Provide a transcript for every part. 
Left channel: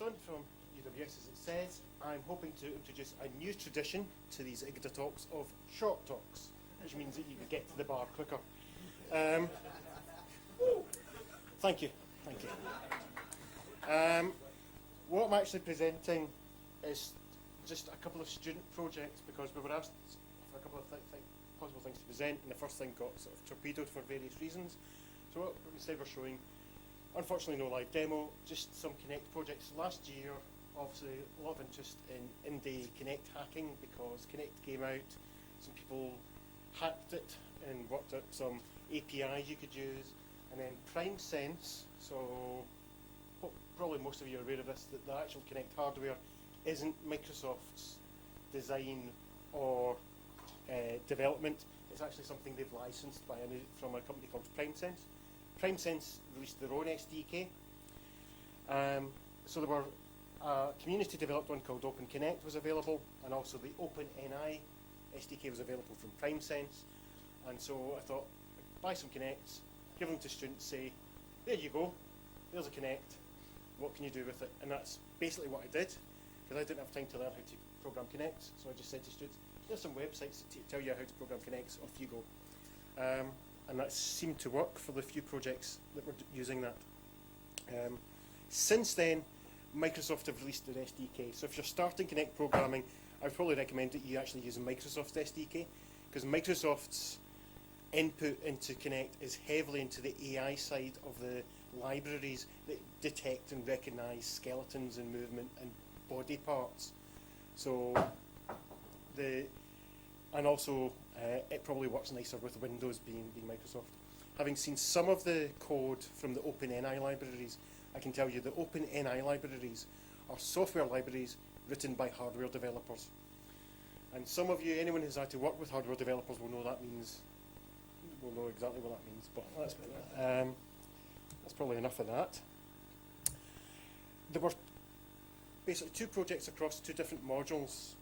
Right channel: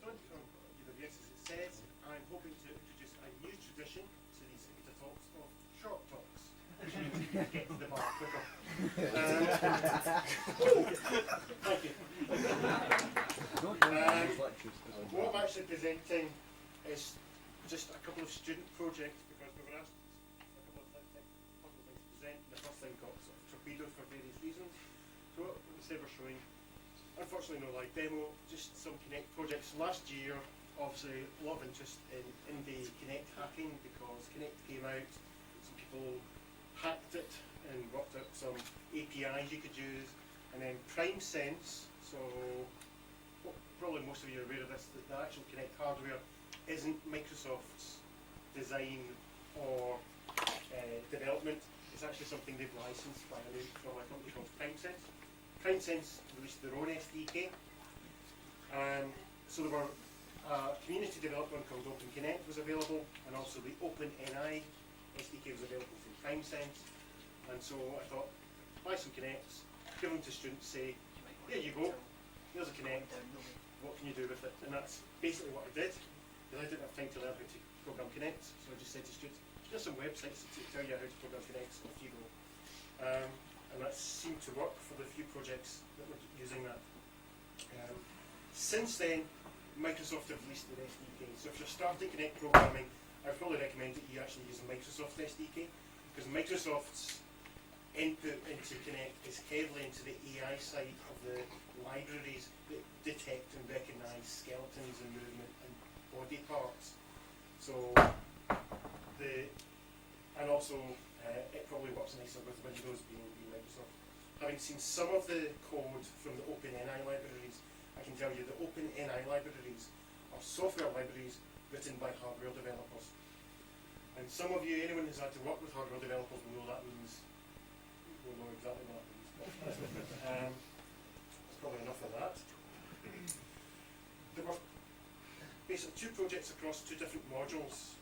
Livingstone from UWS, as it says. I'm hoping to introduce a new tradition to these IGDA talks of short talks, which means that you get to the bar quicker. Thank you. What I'm actually presenting is just a couple of student projects, because we were asked for a couple of possible things to present, and the first thing got sort of torpedoed for various reasons. So what instead we're showing, unfortunately no live demo, just some Kinect projects. Last year, obviously a lot of interest in indie Kinect hacking, because Kinect came out, some people hacked it and worked out some APIs you could use, and then PrimeSense, so probably most of you are aware of this, that the actual Kinect hardware isn't Microsoft's design or development. It's actually something they've licensed from a company called PrimeSense. PrimeSense released their own SDK. So there were a community developed one called Open Kinect was available, and also the OpenNI SDK was available from PrimeSense. And so I thought, buy some Kinects, give them to students, say, there you go, there's a Kinect, what can you do with it? And that's basically what I did, because I didn't have time to learn how to program Kinects, so I just said to students, here's some websites to tell you how to program Kinects, off you go. And that seemed to work for the few projects that were using that. Since then, Microsoft have released their SDK, so if you're starting Kinect programming, I would probably recommend that you actually use Microsoft's SDK, because Microsoft's input into Kinect is heavily into the AI side of the libraries that detect and recognise skeletons and movement and body parts. So and also it probably works nicer with Windows being Microsoft. Having seen some of the code from the OpenNI libraries, I can tell you the OpenNI libraries are software libraries written by hardware developers. And some of you, anyone who's had to work with hardware developers will know exactly what that means, but that's probably enough of that. There were basically two projects across two different modules.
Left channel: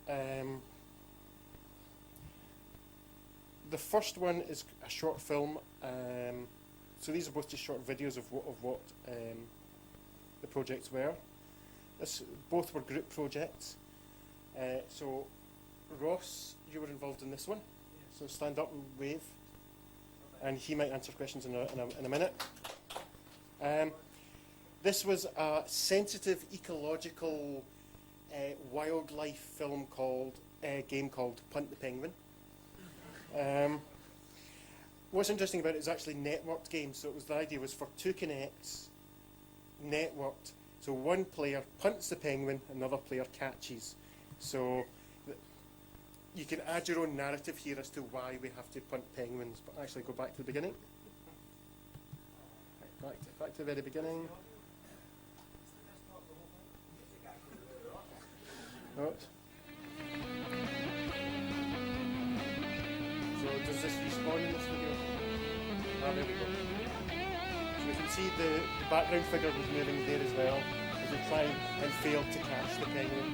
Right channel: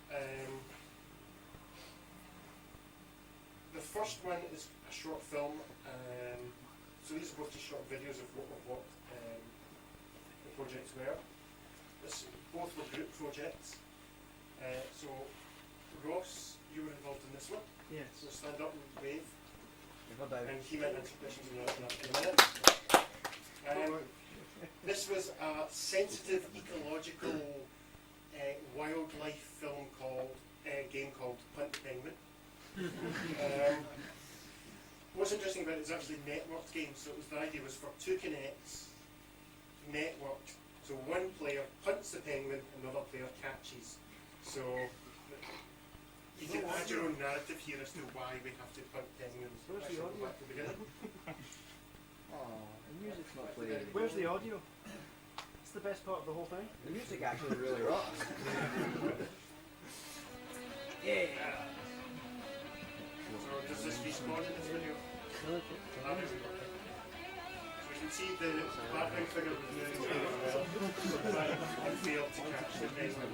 The first one is a short film, so these are both just short videos of what the projects were. Both were group projects. So Ross, you were involved in this one. Yes. So stand up and wave, and he might answer questions in a minute. This was a sensitive ecological wildlife film game called Punt the Penguin. What's interesting about it is actually networked game. So the idea was for two Kinects, networked. So one player punts the penguin, another player catches. So you can add your own narrative here as to why we have to punt penguins. But actually, go back to the beginning. Where's the audio? It's the best part of the whole thing. The music actually really rocks. Yeah. So does this respawn in this video? So you can see the background figure was moving there as well. So try and fail to catch the penguin.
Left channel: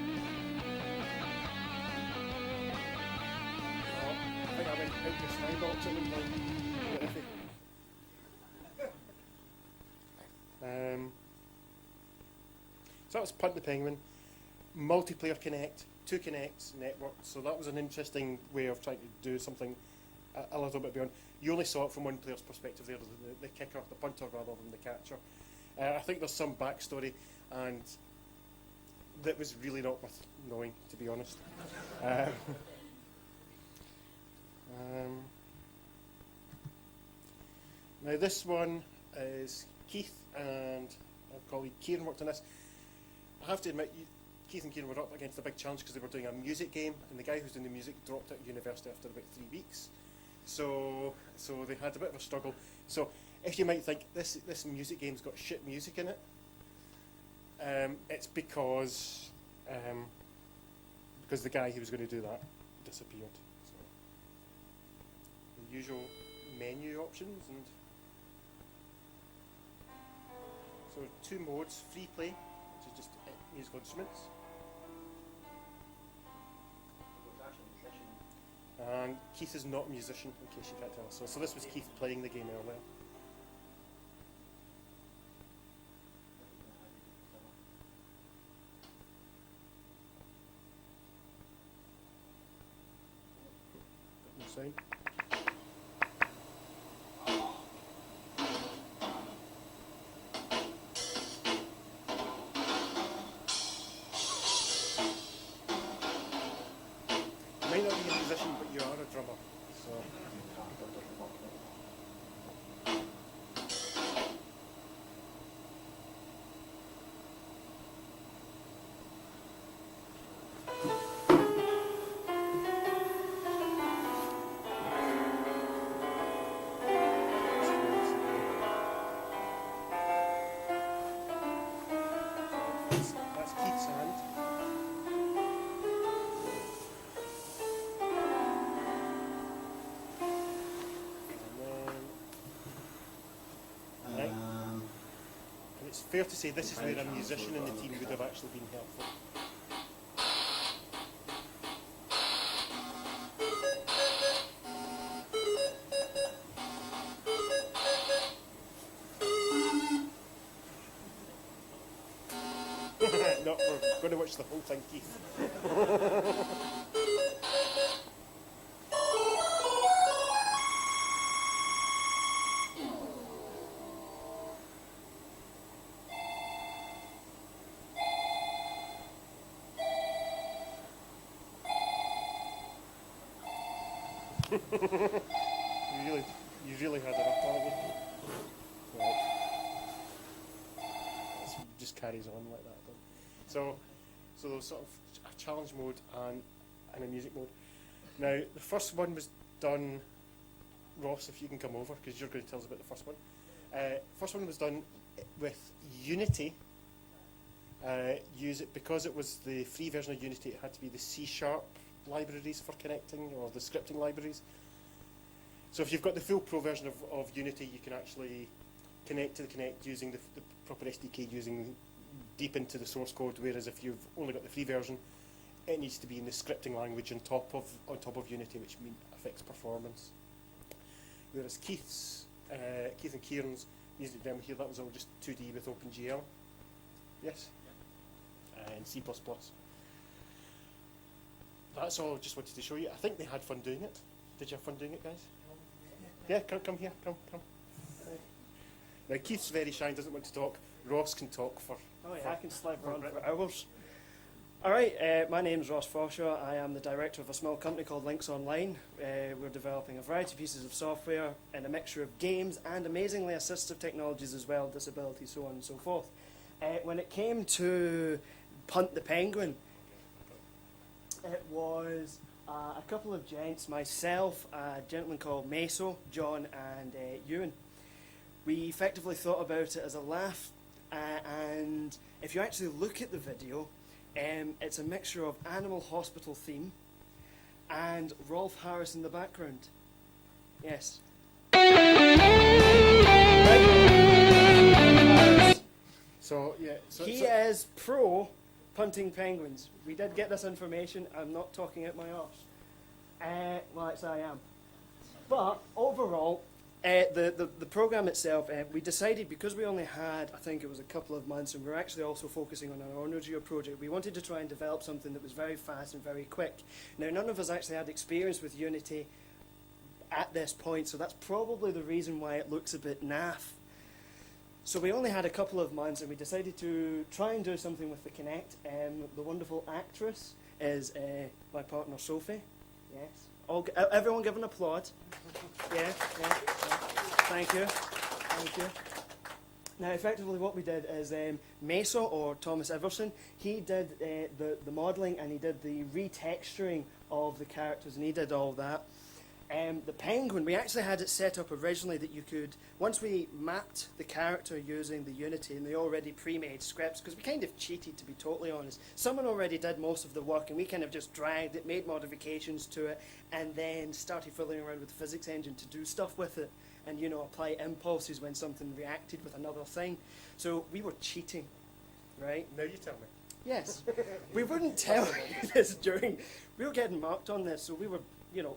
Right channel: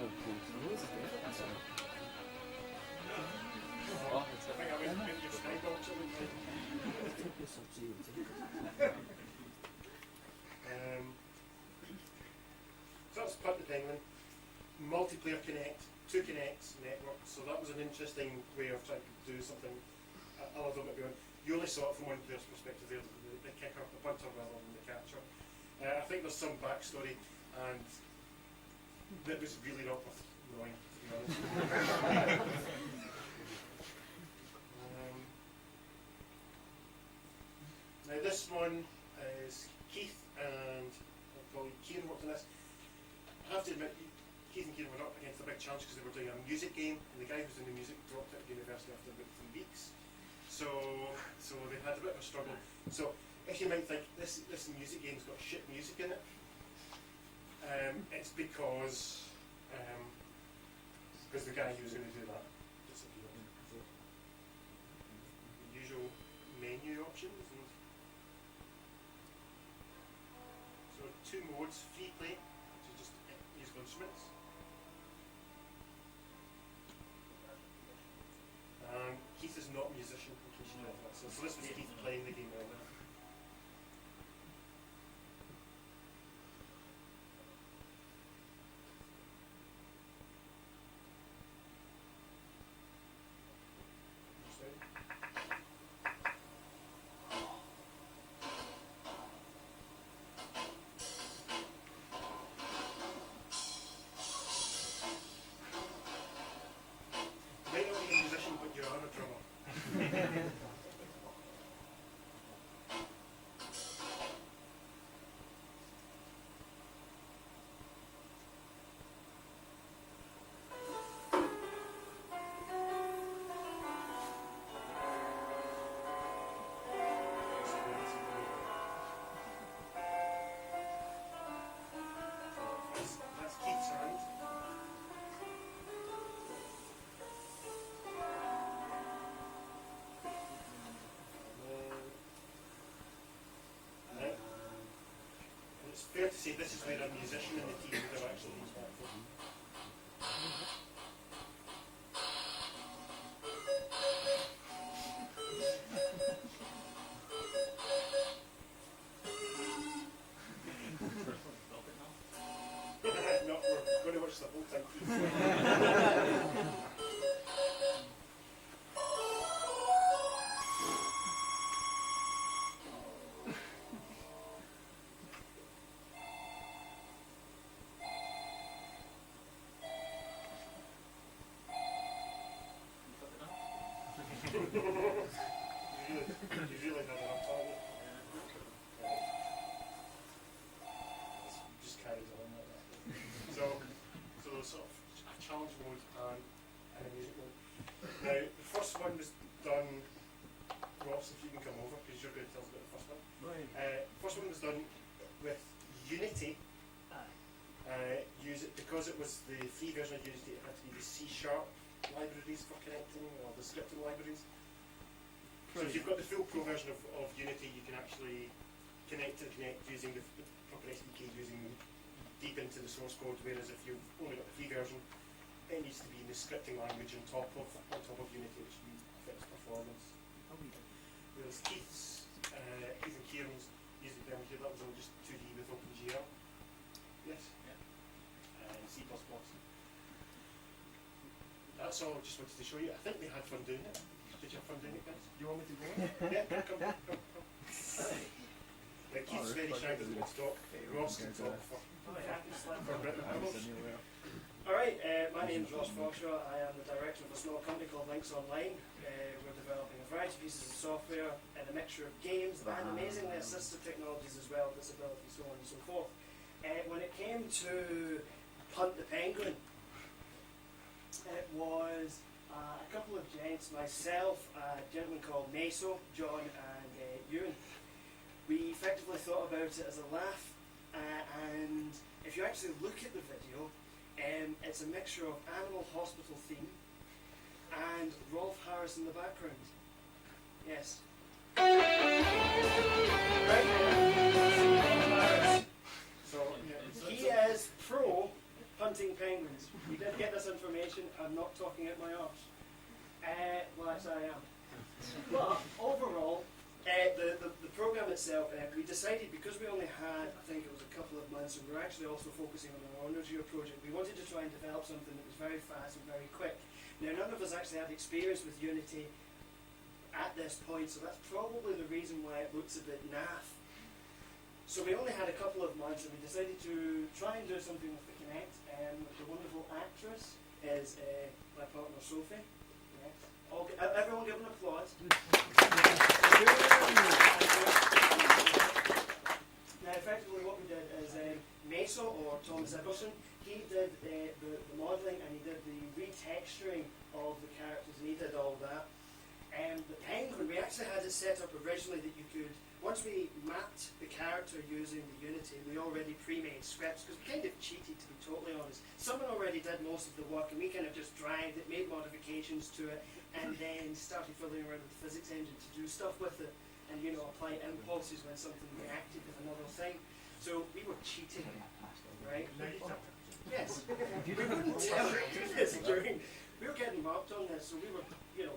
So that was Punt the Penguin. Multiplayer Kinect, two Kinects networked, so that was an interesting way of trying to do something a little bit beyond. You only saw it from one player's perspective there, the kicker, the punter rather than the catcher. I think there's some backstory, and that was really not worth knowing, to be honest. Now this one is Keith and our colleague Kieran worked on this. I have to admit, Keith and Kieran were up against a big challenge because they were doing a music game, and the guy who was doing the music dropped out of university after about 3 weeks. So they had a bit of a struggle. So if you might think this music game's got shit music in it, it's because the guy who was going to do that disappeared. So the usual menu options, and so two modes: free play, which is just musical instruments, and Keith is not a musician, in case you can't tell. So this was Keith playing the game earlier. fair to say this is where a musician in the team would have actually been helpful. No, we're going to watch the whole thing, Keith. you really had it up, haven't you? Well, it just carries on like that. So there's sort of a challenge mode and a music mode. Now, the first one was done, Ross, if you can come over, because you're going to tell us about the first one. First one was done with Unity. Use it because it was the free version of Unity. It had to be the C# libraries for connecting, or the scripting libraries. So if you've got the full pro version of Unity, you can actually connect to the Kinect using the proper SDK, using deep into the source code. Whereas if you've only got the free version, it needs to be in the scripting language on top of Unity, which affects performance. Whereas Keith and Kieran's music demo here, that was all just 2D with OpenGL. Yes? And C++. That's all I just wanted to show you. I think they had fun doing it. Did you have fun doing it, guys? You want me to go? Yeah, come. Now Keith's very shy, doesn't want to talk. Ross can talk for Oh yeah, I can slide for hours. Alright, my name's Ross Forshaw. I am the director of a small company called Links Online. We're developing a variety of pieces of software and a mixture of games and amazingly assistive technologies as well, disability, so on and so forth. When it came to Punt the Penguin, it was a couple of gents, myself, a gentleman called Meso, John and Ewan. We effectively thought about it as a laugh, and if you actually look at the video, it's a mixture of Animal Hospital theme and Rolf Harris in the background. Yes. So yeah, He is pro punting penguins. We did get this information. I'm not talking out my arse. Well, actually I am. But overall, the program itself, we decided, because we only had, I think it was a couple of months, and we're actually also focusing on an honours year project, we wanted to try and develop something that was very fast and very quick. Now, none of us actually had experience with Unity at this point, so that's probably the reason why it looks a bit naff. So we only had a couple of months, and we decided to try and do something with the Kinect. The wonderful actress is my partner Sophie. Yes. Everyone give an applaud. Thank you. Now, effectively what we did is Meso, or Thomas Iverson, he did the modelling, and he did the retexturing of the characters, and he did all that. The penguin, we actually had it set up originally that you could, once we mapped the character using the Unity and the already pre-made scripts, because we kind of cheated, to be totally honest. Someone already did most of the work, and we kind of just dragged it, made modifications to it, and then started fiddling around with the physics engine to do stuff with it, and apply impulses when something reacted with another thing. So we were cheating, right? now you tell me. Yes. We wouldn't tell you this during, we were getting marked on this, so we were,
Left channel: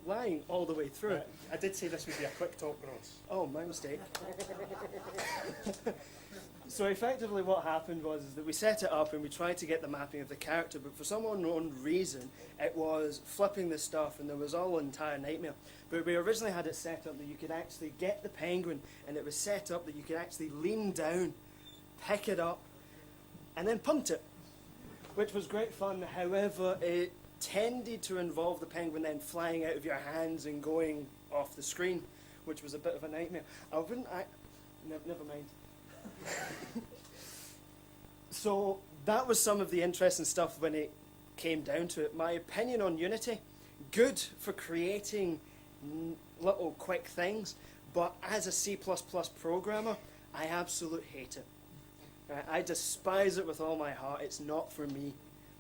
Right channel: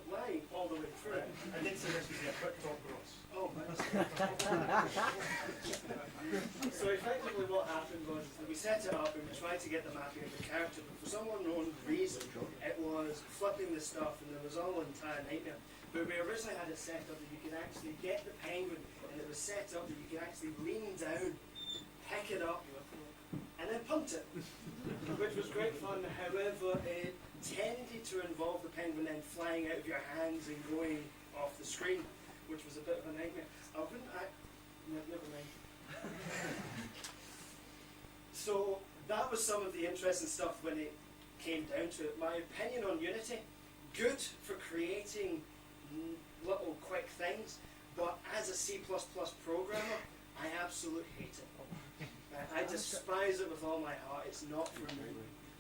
lying all the way through it. I did say this would be a quick talk, Ross. Oh, my mistake. So effectively what happened was that we set it up and we tried to get the mapping of the character, but for some unknown reason it was flipping the stuff, and there was all an entire nightmare. But we originally had it set up that you could actually get the penguin, and it was set up that you could actually lean down, pick it up, and then punt it, which was great fun. However, it tended to involve the penguin then flying out of your hands and going off the screen, which was a bit of a nightmare. Never mind. So that was some of the interesting stuff when it came down to it. My opinion on Unity, good for creating little quick things, but as a C++ programmer, I absolutely hate it. I despise it with all my heart. It's not for me.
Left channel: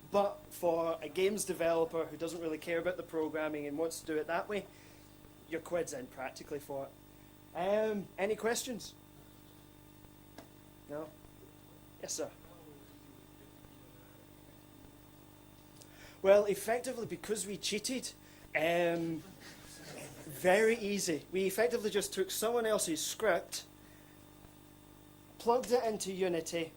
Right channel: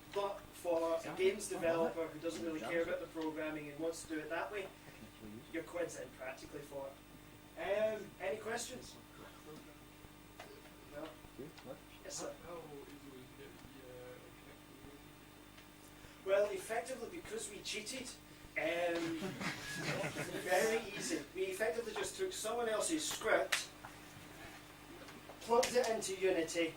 But for a games developer who doesn't really care about the programming and wants to do it that way, your quid's in practically for it. Any questions? No? Yes, sir. How easily did Well, effectively, because we cheated, very easy. We effectively just took someone else's script, plugged it into Unity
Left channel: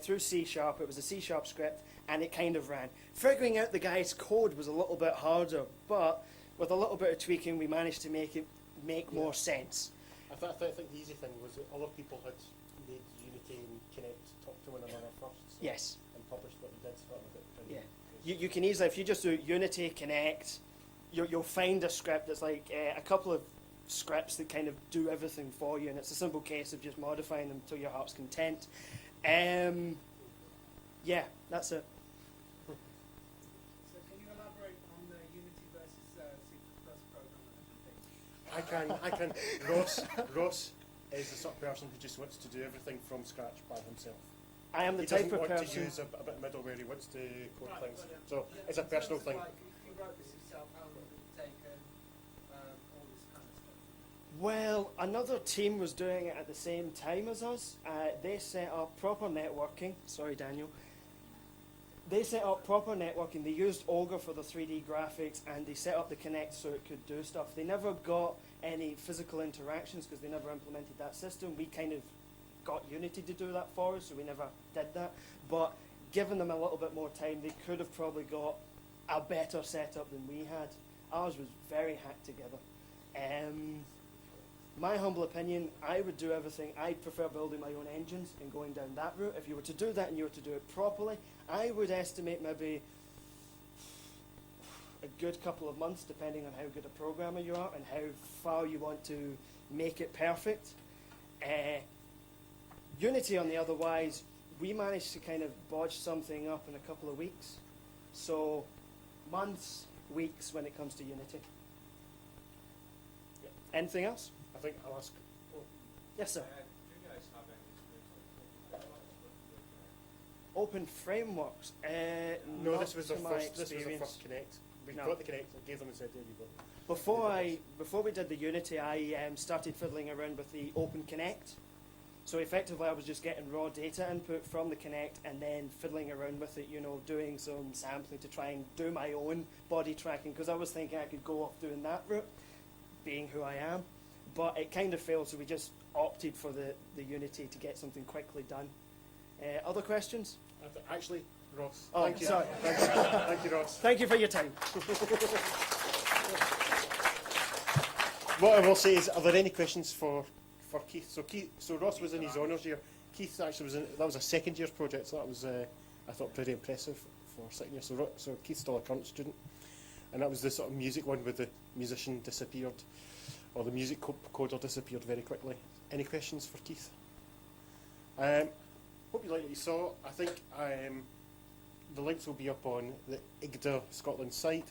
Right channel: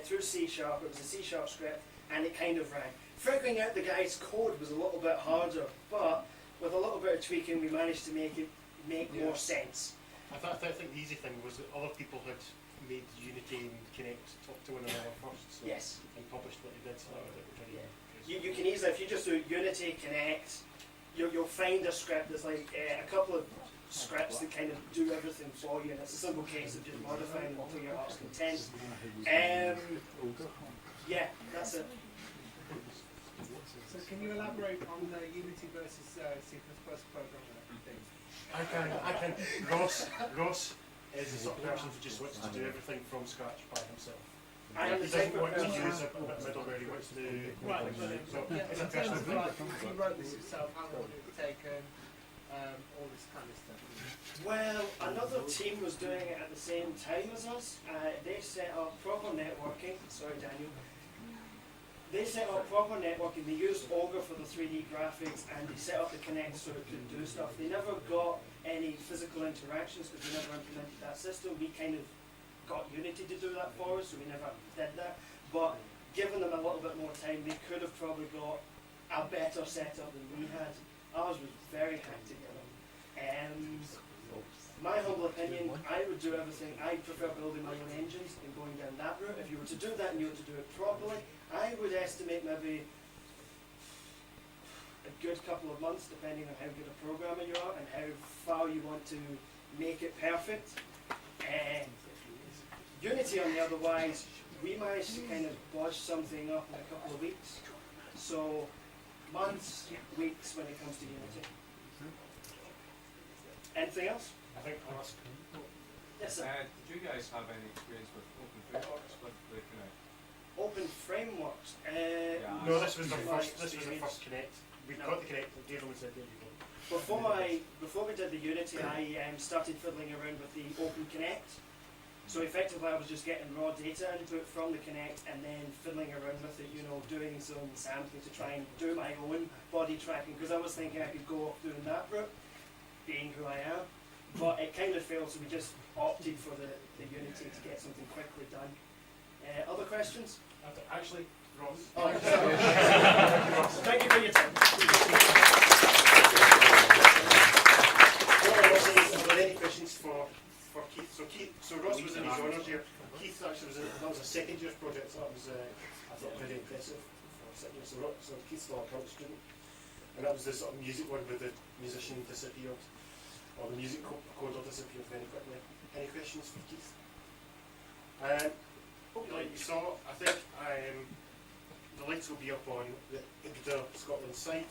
through C#. It was a C# script, and it kind of ran. Figuring out the guy's code was a little bit harder, but with a little bit of tweaking, we managed to make it make more sense. I think the easy thing was that other people had made Unity and Kinect talk to one another first. So Yes. and published what they did, so that was it. You can easily, if you just do Unity, Kinect, you'll find a script. There's like a couple of scripts that kind of do everything for you, and it's a simple case of just modifying them to your heart's content. Yeah, that's it. So can you elaborate on the Unity versus C++ programming thing? I can. Ross is the sort of person who just wants to do everything from scratch by himself. I am He the type doesn't of want to person. use a middleware, he wants to do Right, things. but So yeah, it's a in terms personal of thing. like, you wrote this yourself, how long did it take, all this kind of stuff? Well, another team was doing it at the same time as us. They set up proper networking. Sorry, Daniel. They set up proper networking. They used Ogre for the 3D graphics, and they set up the Kinect so it could do stuff. They never got any physical interactions because they never implemented that system. We kind of got Unity to do that for us, so we never did that. But given them a little bit more time, they could have probably got a better setup than we had. Ours was very hacked together. My humble opinion, I would do everything. I prefer building my own engines and going down that route. If you were to do that and you were to do it properly, I would estimate maybe a good couple of months, depending on how good a programmer you are and how far you want to make it perfect. Unity, on the otherwise, we managed to kind of bodge something up in a couple of weeks. So, months, weeks when it comes to Unity. Anything else? I think Ross. Yes, sir. Did you guys have any experience with open frameworks with the Kinect? Open frameworks. No, this was the my first. This was the experience. first Kinect. We No. got the Kinect and gave them and said, "There you go." Before we did the Unity, I started fiddling around with the Open Kinect. So effectively, I was just getting raw data input from the Kinect and then fiddling around with it, doing some sampling to try and do my own body tracking, because I was thinking I could go off doing that route, being who I am. But it kind of failed, so we just opted for the Unity to get something quickly done. Other questions? Actually, Ross. Oh, Thank you. sorry. Thank you, Ross. Thank you for your time. What I will say is, are there any questions for Keith? So Ross was in his honours year. Keith actually that was a second year's project, so that was I thought very impressive for sitting here. So Keith's still a current student, and that was the sort of music one where the musician disappeared, or the music coder disappeared very quickly. Any questions for Keith? Hope you like what you saw. I think the links will be up on the IGDA Scotland site,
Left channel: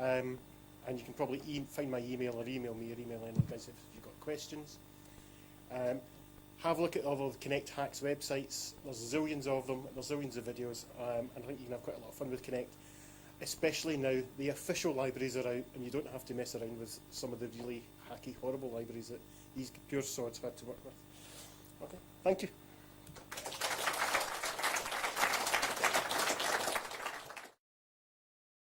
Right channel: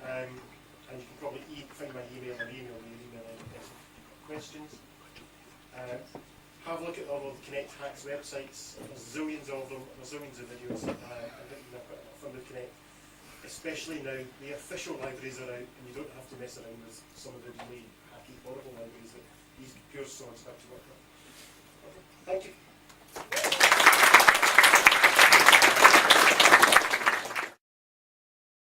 and you can probably find my email or email me or email any place if you've got questions. Have a look at all of the Kinect Hacks websites. There's zillions of them, there's zillions of videos, and I think you can have quite a lot of fun with Kinect. Especially now, the official libraries are out, and you don't have to mess around with some of the really hacky, horrible libraries that these pure swords have to work with. Okay. Thank you.